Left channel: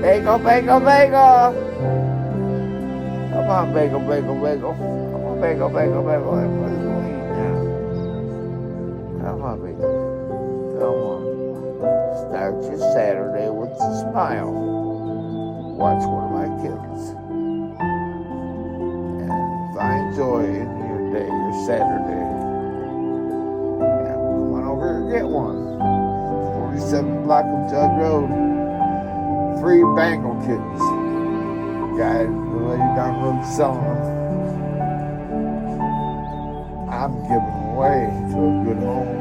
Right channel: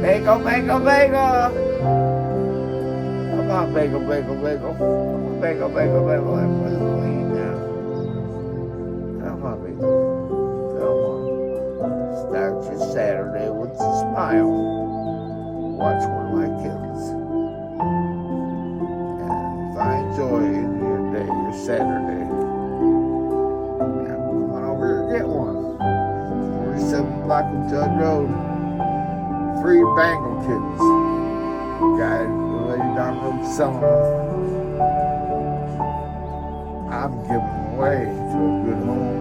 Bagel, bagel, bagel. Come on, bagel, bagel, bagel. Come on, bagel, bagel, bagel. Everybody's going to eat now. Come on, bagel. Come on. Start your Saturday with a smile. Watch one of my kittens. And find joy in your day, your Saturday. Yeah, come on over here and get one. 47th block of Judd Rd. Free Bengal kittens. Guy, the lady down the road selling them. I'm giving them away to a good home.